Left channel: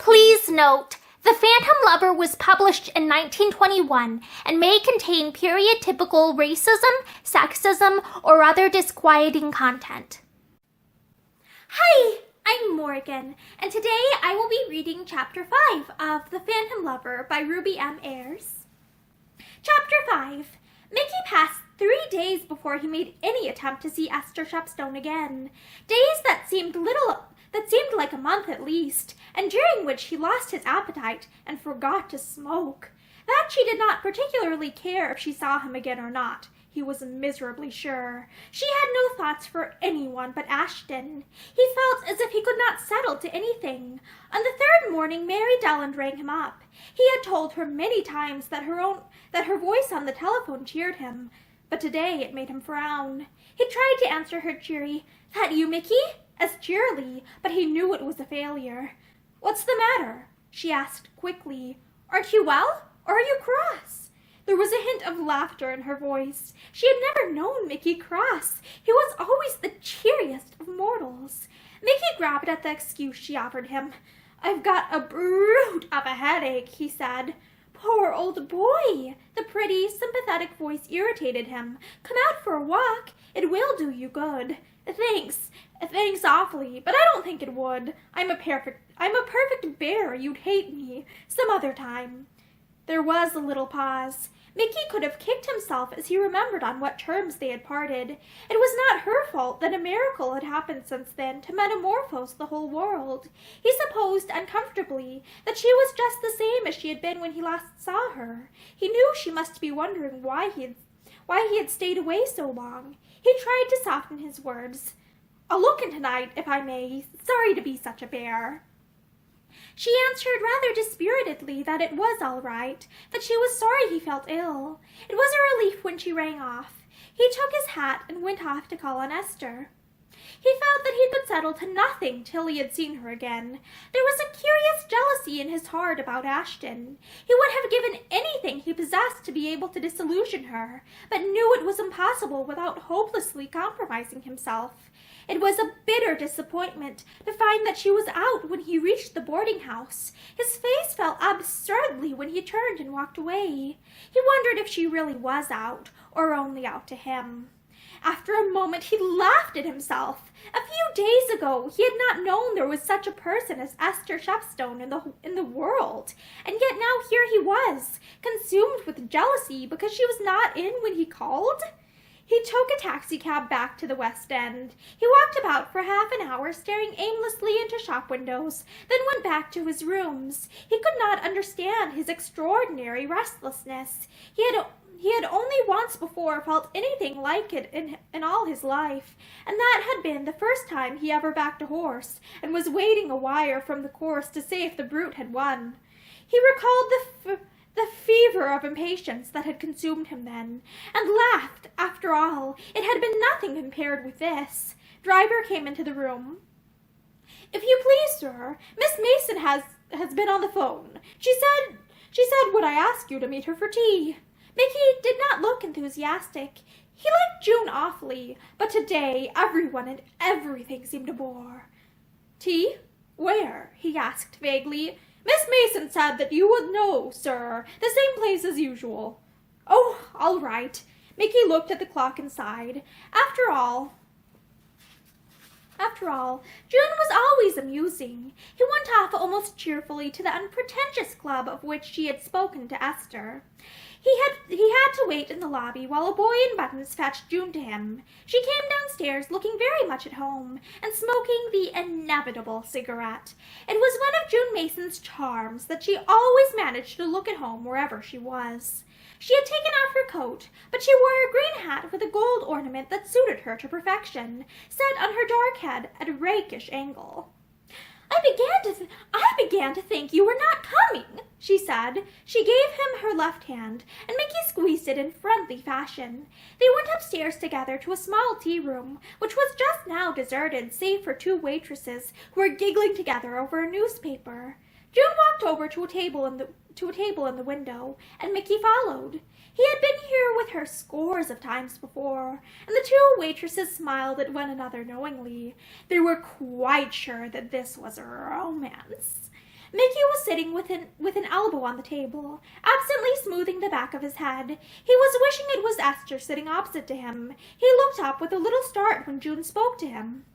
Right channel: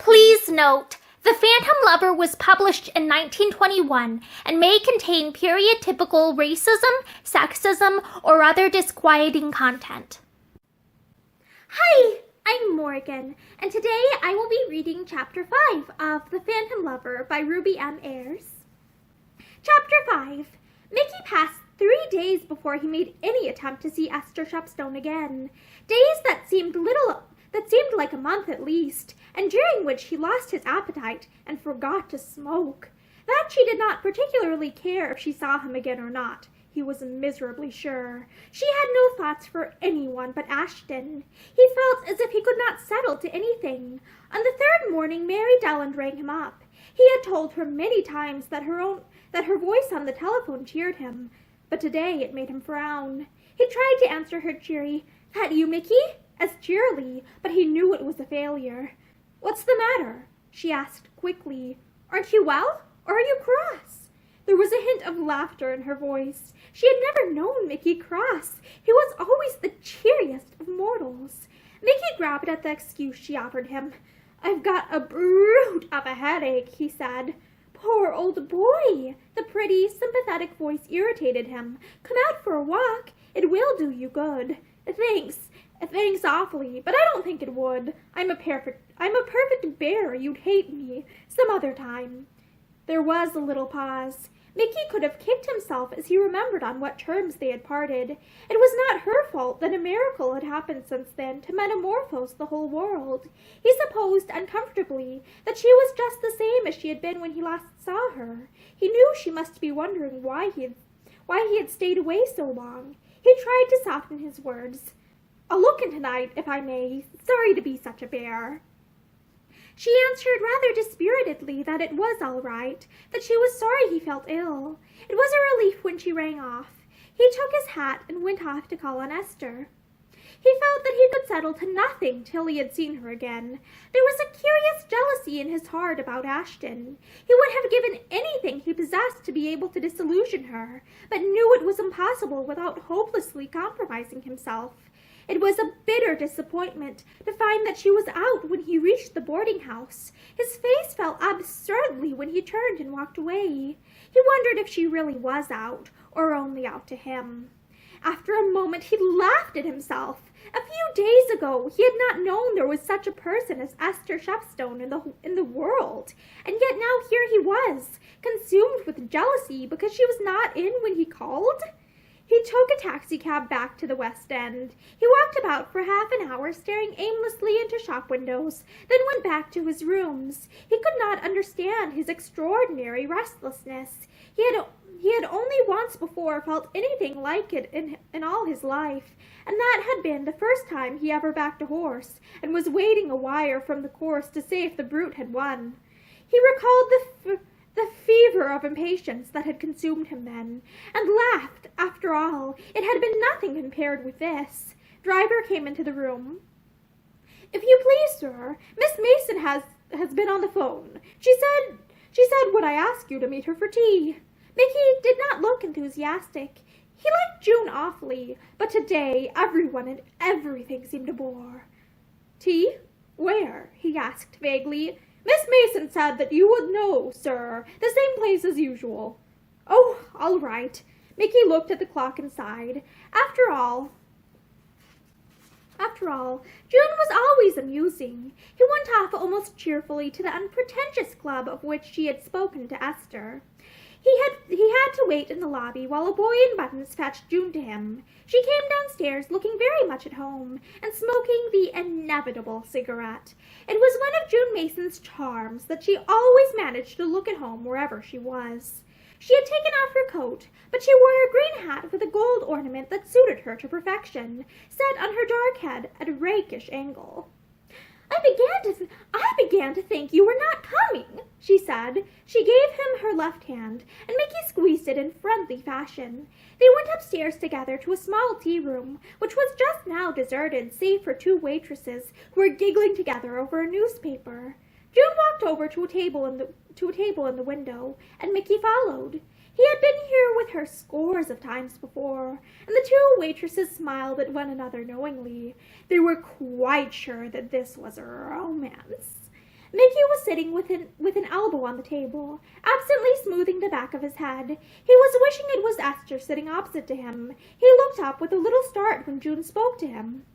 Please note, The Phantom Lover was published in 1921 and may contain period-typical racism, sexism, or other disquieting content. Hi, I'm Morgan, and today I will be reading Chapter 5 of The Phantom Lover by Ruby M. Ayres. Chapter 5. Mickey passed 3 days before he made any attempt to see Esther Shepstone again. Days that seemed like a month at least, and during which he lost his appetite and forgot to smoke. That she did not particularly care if she saw him again or not, he was miserably sure. She had no thoughts for anyone but Ashton. He felt as if he could not settle to anything. On the third morning, Mary Delland rang him up. He had told her many times that her voice on the telephone cheered him, but today it made him frown. He tried to answer her cheery, "That you, Mickey?" as cheerily, but he knew it was a failure. "What's the matter?" she asked quickly. "Aren't you well, or are you cross?" There was a hint of laughter in her voice. She had never known Mickey cross. He was always the cheeriest of mortals. Mickey grabbed at the excuse she offered him. "I've got a brute of a headache," he said. "Poor old boy!" The pretty, sympathetic voice irritated him. "Come out for a walk. It will do you good." Thanks awfully, but I don't think it would. I'm a perfect bear. You'd hate me. Some other time." There was a little pause. Mickey could have kicked himself as he remembered on what terms they had parted. It was not her fault that a miracle had happened since then to metamorphose the whole world. He supposed uncomfortably that she was just the same as she had been when he last saw her. He knew she must be wondering why he had stayed away so long. He tried to soften his words. "I'll look in tonight, if I may. Sorry to be such a bear." She answered rather dispiritedly that it was all right, that she was sorry he felt ill. It was a relief when she rang off. He took his hat and went off to call on Esther. He felt that he could settle to nothing till he had seen her again. There was a curious jealousy in his heart about Ashton. He would have given anything he possessed to be able to disillusion her, but knew it was impossible without hopelessly compromising himself. It was a bitter disappointment to find that she was out when he reached the boarding house. His face fell absurdly when he turned and walked away. He wondered if she really was out, or only out to him. After a moment he laughed at himself. A few days ago he had not known there was such a person as Esther Shepstone in the world, and yet now here he was, consumed with jealousy because she was not in when he called. He took a taxicab back to the West End. He walked about for half an hour, staring aimlessly into shop windows, then went back to his rooms. He could not understand his extraordinary restlessness. He had only once before felt anything like it in all his life, and that had been the first time he ever backed a horse, and was waiting a wire from the course to say if the brute had won. He recalled the fever of impatience that had consumed him then, and laughed. After all, it had been nothing compared with this. Driver came into the room. "If you please, sir, Miss Mason has been on the phone. She said would I ask you to meet her for tea." Mickey did not look enthusiastic. He liked June awfully, but today everyone and everything seemed a bore. "Tea? Where?" he asked vaguely. "Miss Mason said that you would know, sir. The same place as usual." "Oh, all right." Mickey looked at the clock and sighed. After all, June was always amusing. He went off almost cheerfully to the unpretentious club of which she had spoken to Esther. He had to wait in the lobby while a boy in buttons fetched June to him. She came downstairs looking very much at home and smoking the inevitable cigarette. It was one of June Mason's charms that she always managed to look at home wherever she was. She had taken off her coat, but she wore a green hat with a gold ornament that suited her to perfection, set on her dark head at a rakish angle. I began to think you were not coming," she said. She gave him her left hand, and Mickey squeezed it in friendly fashion. They went upstairs together to a small tea room, which was just now deserted save for 2 waitresses who were giggling together over a newspaper. June walked over to a table in the window, and Mickey followed. He had been here with her scores of times before, and the 2 waitresses smiled at one another knowingly. They were quite sure that this was a romance. Mickey was sitting with an elbow on the table, absently smoothing the back of his head. He was wishing it was Esther sitting opposite to him. He looked up with a little start when June spoke to him.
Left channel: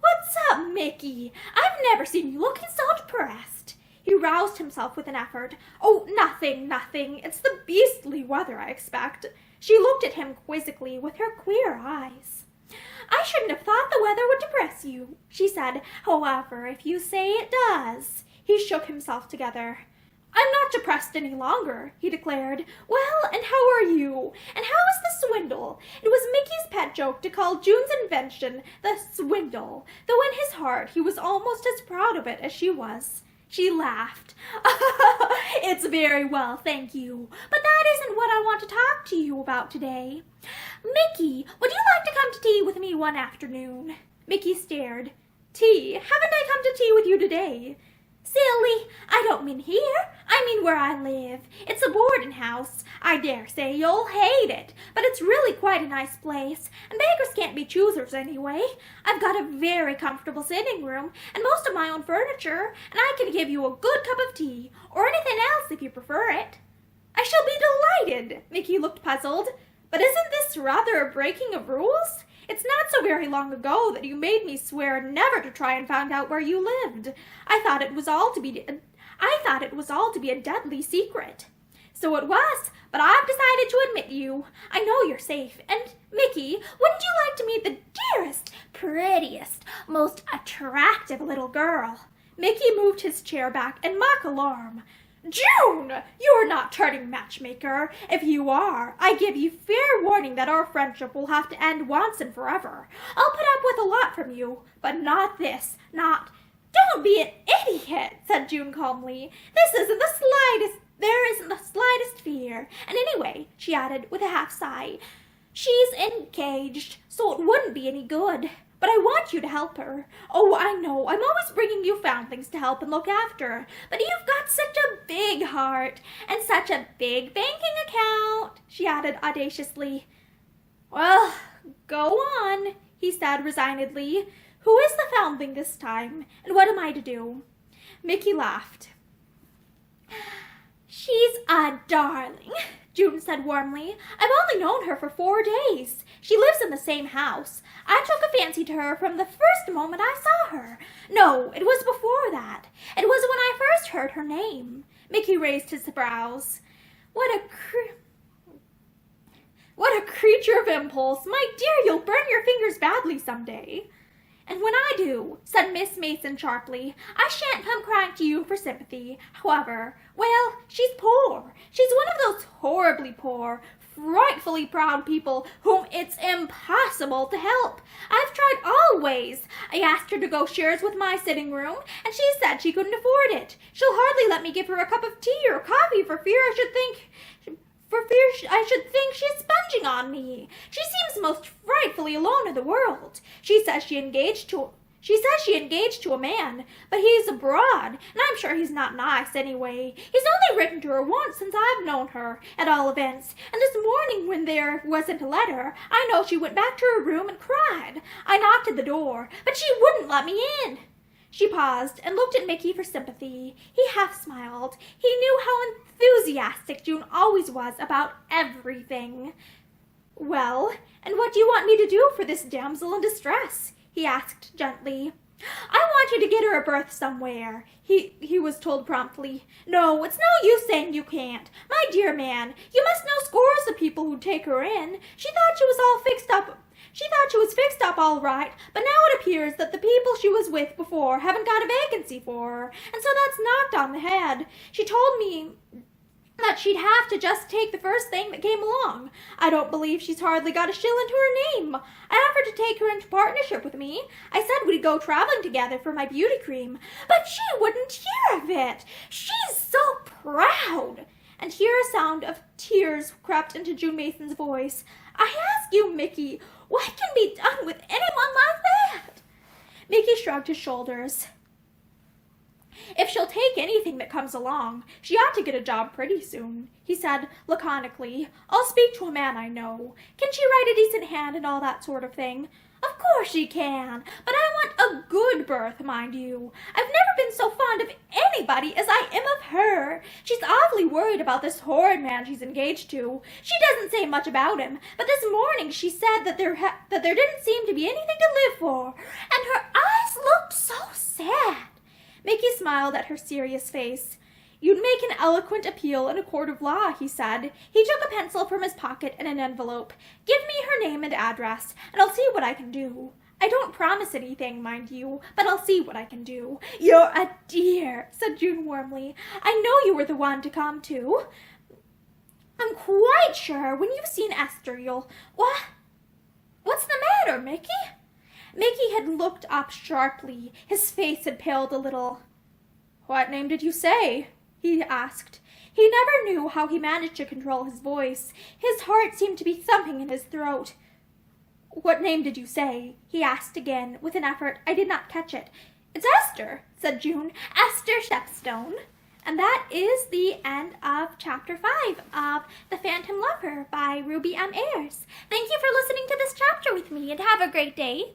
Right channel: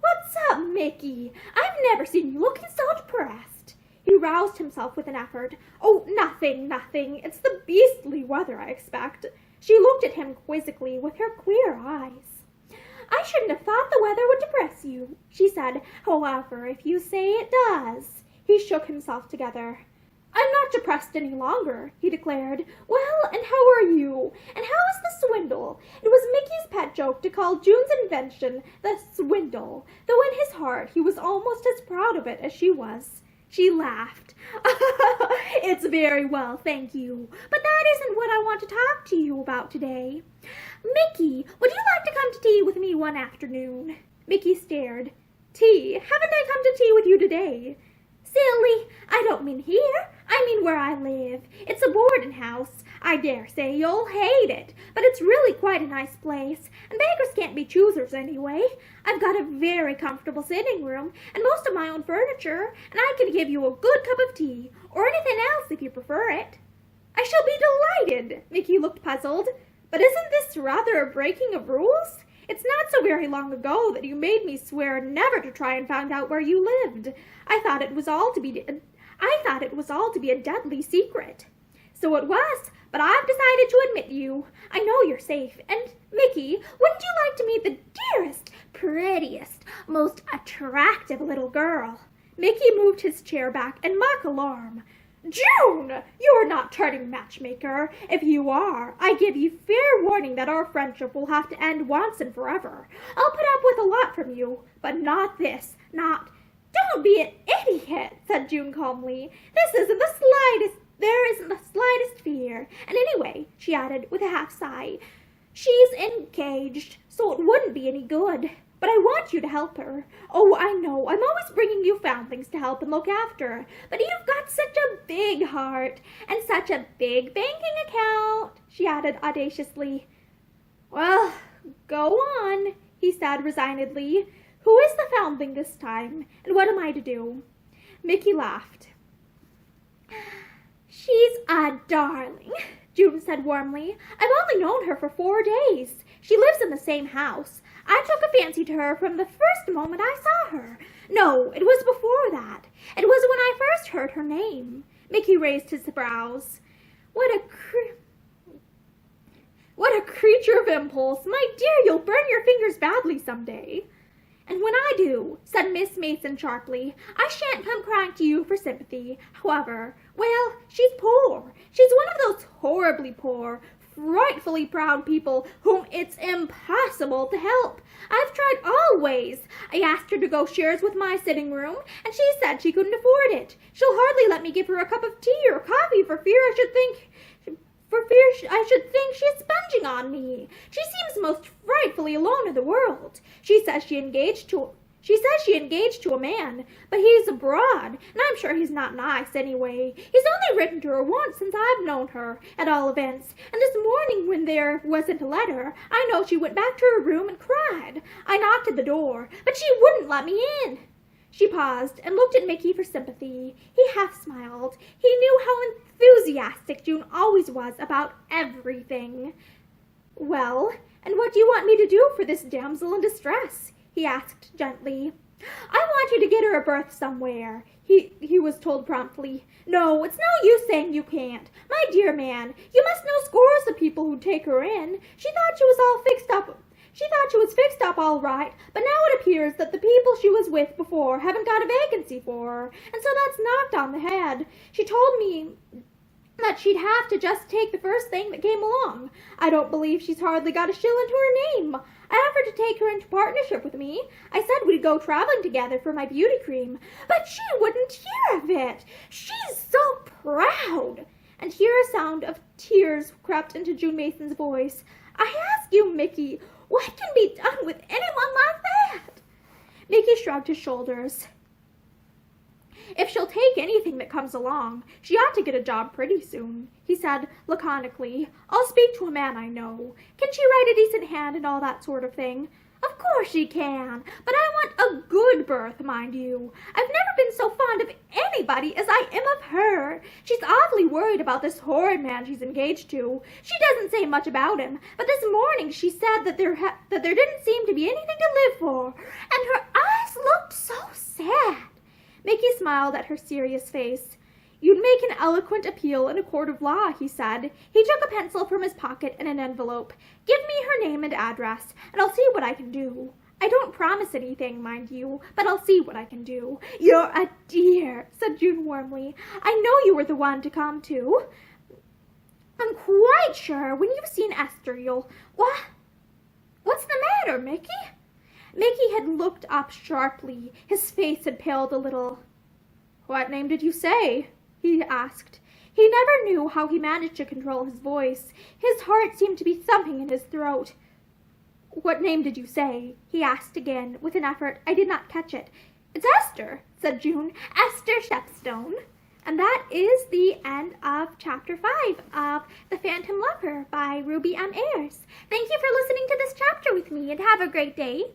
"What's up, Mickey? I've never seen you looking so depressed." He roused himself with an effort. "Oh, nothing. It's the beastly weather, I expect." She looked at him quizzically with her queer eyes. "I shouldn't have thought the weather would depress you," she said. "However, if you say it does." He shook himself together. "I'm not depressed any longer," he declared. "Well, and how are you? And how is the swindle?" It was Mickey's pet joke to call June's invention the swindle, though in his heart he was almost as proud of it as she was. She laughed. "It's very well, thank you. But that isn't what I want to talk to you about today. Mickey, would you like to come to tea with me one afternoon?" Mickey stared. "Tea? Haven't I come to tea with you today?" "Silly, I don't mean here. I mean where I live. It's a boarding house. I dare say you'll hate it, but it's really quite a nice place, and beggars can't be choosers anyway. I've got a very comfortable sitting room, and most of my own furniture, and I can give you a good cup of tea, or anything else if you prefer it." "I shall be delighted." Mickey looked puzzled. "But isn't this rather a breaking of rules? It's not so very long ago that you made me swear never to try and find out where you lived. I thought it was all to be a deadly secret." "So it was, but I've decided to admit you. I know you're safe. And, Mickey, wouldn't you like to meet the dearest, prettiest, most attractive little girl?" Mickey moved his chair back in mock alarm. "June, you're not turning matchmaker. If you are, I give you fair warning that our friendship will have to end once and forever. I'll put up with a lot from you, but not this, not—" "Don't be an idiot," said June calmly. There isn't the slightest fear. And anyway," she added with a half sigh, "she's engaged, so it wouldn't be any good. But I want you to help her. Oh, I know, I'm always bringing you foundlings to help and look after. But you've got such a big heart, and such a big banking account," she added audaciously. "Well, go on," he said resignedly. "Who is the foundling this time, and what am I to do?" Mickey laughed. "She's a darling," June said warmly. "I've only known her for 4 days. She lives in the same house. I took a fancy to her from the first moment I saw her. No, it was before that. It was when I first heard her name." Mickey raised his brows. What a creature of impulse. My dear, you'll burn your fingers badly someday." "And when I do," said Miss Mason sharply, "I shan't come crying to you for sympathy. However, well, she's poor. She's one of those horribly poor, frightfully proud people whom it's impossible to help. I've tried all ways. I asked her to go shares with my sitting room, and she said she couldn't afford it. She'll hardly let me give her a cup of tea or coffee for fear I should think she's sponging on me. She seems most frightfully alone in the world. She says she engaged to a man, but he's abroad, and I'm sure he's not nice anyway. He's only written to her once since I've known her, at all events, and this morning when there wasn't a letter, I know she went back to her room and cried. I knocked at the door, but she wouldn't let me in." She paused and looked at Mickey for sympathy. He half smiled. He knew how enthusiastic June always was about everything. "Well, and what do you want me to do for this damsel in distress?" he asked gently. "I want you to get her a berth somewhere," he was told promptly. "No, it's no use saying you can't. My dear man, you must know scores of people who'd take her in. She thought she was fixed up all right, but now it appears that the people she was with before haven't got a vacancy for her, and so that's knocked on the head. She told me that she'd have to just take the first thing that came along. I don't believe she's hardly got a shilling to her name. I offered to take her into partnership with me. I said we'd go traveling together for my beauty cream, but she wouldn't hear of it. She's so proud." And here a sound of tears crept into June Mason's voice. "I ask you, Mickey, what can be done with anyone like that?" Mickey shrugged his shoulders. "If she'll take anything that comes along, she ought to get a job pretty soon," he said laconically. "I'll speak to a man I know. Can she write a decent hand and all that sort of thing?" "Of course she can, but I want a good berth, mind you. I've never been so fond of any anybody as I am of her. She's awfully worried about this horrid man she's engaged to. She doesn't say much about him, but this morning she said that there didn't seem to be anything to live for, and her eyes looked so sad. Mickey smiled at her serious face. You'd make an eloquent appeal in a court of law, he said. He took a pencil from his pocket and an envelope. Give me her name and address, and I'll see what I can do. I don't promise anything, mind you, but I'll see what I can do. You're a dear, said June warmly. I know you were the one to come to. I'm quite sure when you've seen Esther you'll... What's the matter, Mickey? Mickey had looked up sharply. His face had paled a little. What name did you say? He asked. He never knew how he managed to control his voice. His heart seemed to be thumping in his throat. What name did you say? He asked again, with an effort. I did not catch it. It's Esther, said June. Esther Shepstone. And that is the end of Chapter 5 of The Phantom Lover by Ruby M. Ayres. Thank you for listening to this chapter with me, and have a great day.